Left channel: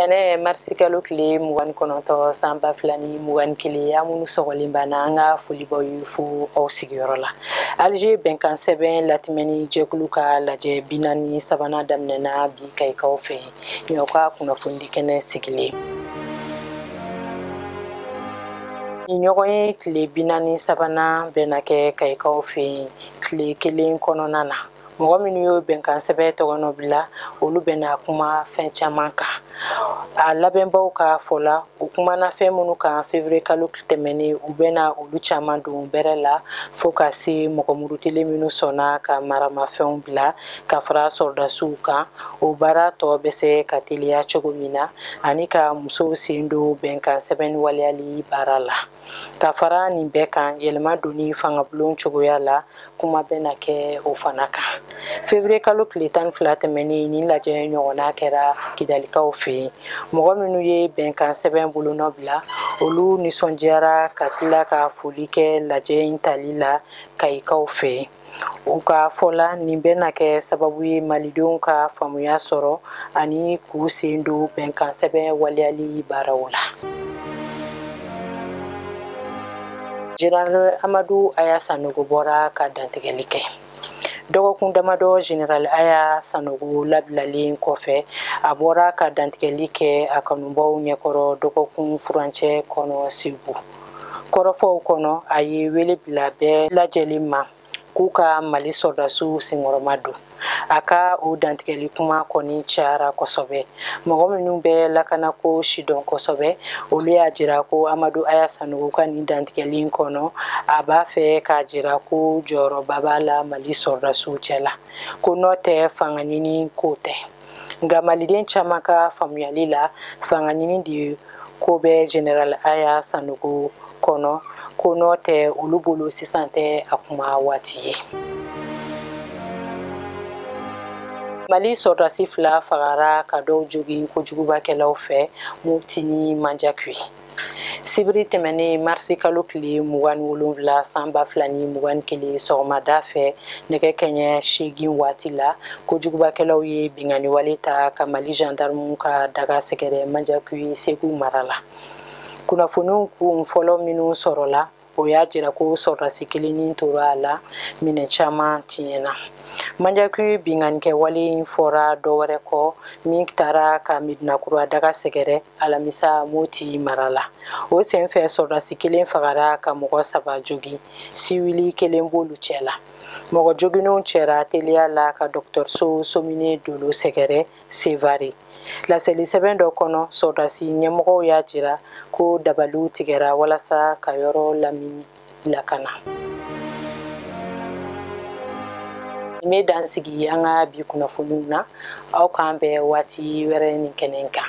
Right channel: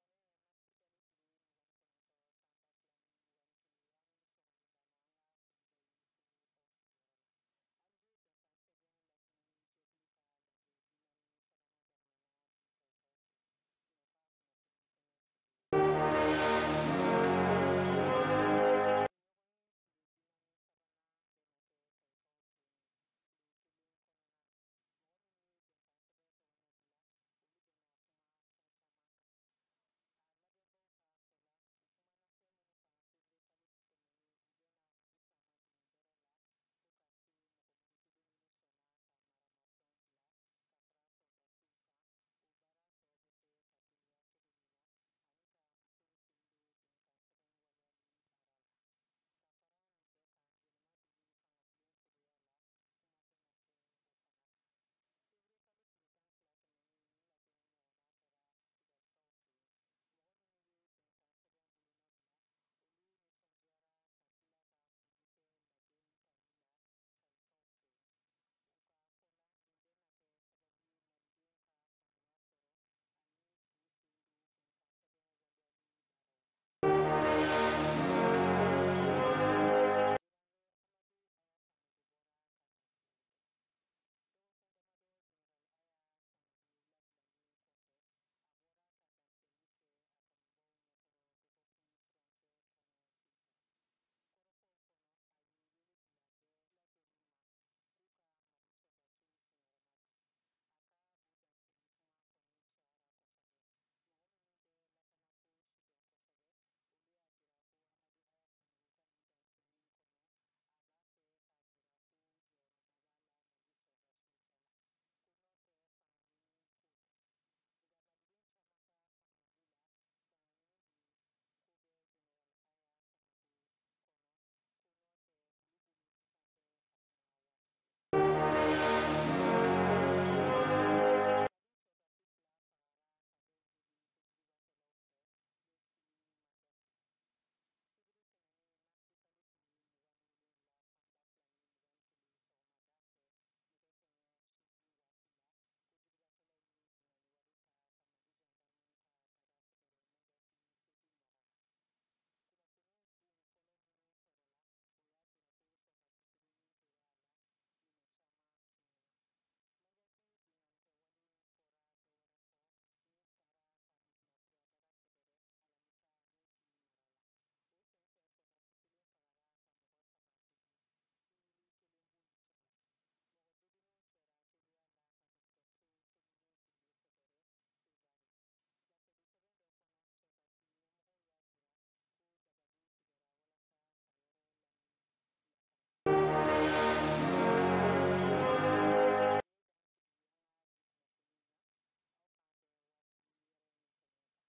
ene marsi kalo kile mugan konoto samba flani mugan kile amunu sogolimbana anga fulibo yufu au sigiyoro la Alger benkan seben latimeni jekulu ka laje binani sabana damnena bi kai kaufe nyoka kuna fundi kene sigile ɲɔgɔn ye tile binani sabana bɛna kɛ kayikaw fɛ yen tile kelen kɔnɔna na mɔgɔ minnu y'o bɛnkan sɛbɛn tɔgɔnɔ bila olu bɛna kuma fɛn caman kan a labɛnbaw ka fɔ la u kumana fɛn minnu kan février kalo tɛmɛnen u bɛna olu caman don bɛrɛ la fo ka se mɔgɔ murutilen minnu sɔnna ka maramafɛnw bila ka fara sɔrdasiw kan o baara tɔ bɛ se ka teliya cogo min na ani ka musow sen don bɛnkan sɛbɛnni waleyali baara la ka fara nin bɛɛ kan yɛlɛma donni fangabulon cogoya la kuma bɛna kɛ o fana kan février kalo tile 12 tɛmɛnen nin lajɛ ɲɔgɔnna kɛra kidalikaw fɛ yen mɔgɔ minnu ye bɛnkan sɛbɛn bolonɔ bila olu nisɔndiyara ka tila ka foli kɛ lajɛ in tali la kayikaw fɛ yen u ka fɔ la nin bɛna kɛ sababu ye malidenw ka faamuya sɔrɔ ani k'u sen don bɛnkan sɛbɛn waleyali baaraw la. Général Amadou Aya Sanogo bɔra ka dantigɛli kɛ. Dɔgɔkun damadɔ Général Aya Sanogo labilalen kɔfɛ a bɔra ka dantigɛli kɛ a kanubaw ɲɛkɔrɔ dɔgɔkun furancɛ kɔnɔ Segu. Kɔrɔfɔw kɔnɔ a ye wele bila bɛɛ lajɛlen ma k'u ka Mali sɔrdasiw senkɔrɔma don. A ka o dantigɛli kuma kɔni cayara kosɛbɛ. Mɔgɔ minnu bɛ lakanako sidɔn kosɛbɛ olu y'a jira ko Amadou Aya Sanogo ka nin dantigɛli kɔnɔ a b'a fɛ k'a jira ko jɔyɔrɔba b'a la Mali sɔrdasiw cɛla ko n'o tɛ fanga ɲini ko tɛ. Nka maliden caman ka faamuyali la fanga ɲini de ko bɛ Général Aya Sanogo kɔnɔ ko n'o tɛ olu bolo sisan tɛ a kuma waati ye. Mali sɔrdasi 2 fagara ka dɔw jogin kojugubakɛlaw fɛ Mopti ni Manjakui. Sibiri tɛmɛnen marsi kalo tile 27 san 2021 sɔgɔmada fɛ nɛgɛ kanɲɛ 8 waati la kojugubakɛlaw ye binganiwale ta ka Mali gendarmew ka daga sɛgɛrɛ Manjakui Segu mara la. Kunnafoniw kun fɔlɔ minnu sɔrɔla o y'a jira ko sɔrdasi kelennin tora a la minɛ caman tiɲɛna. Manjakui binganikɛwale in fɔra dɔwɛrɛ kɔ min taara ka Medinakura daga sɛgɛrɛ alamisa Moti mara la. O senfɛ sɔrdasi kelen fagara ka mɔgɔ 3 jogin siwili kelen b'olu cɛ la. Mɔgɔ joginnenw cɛra teliya la ka dɔgɔtɔrɔso Somine Dolo sɛgɛrɛ Sevare. Laseli sɛbɛn dɔ kɔnɔ sɔrdasi ɲɛmɔgɔw y'a jira ko dabaliw tigɛra walasa ka yɔrɔ lamini lakana. N bɛ dan sigi an ka bi kunnafoniw na aw k'an bɛn waati wɛrɛ nin kɛnɛ kan.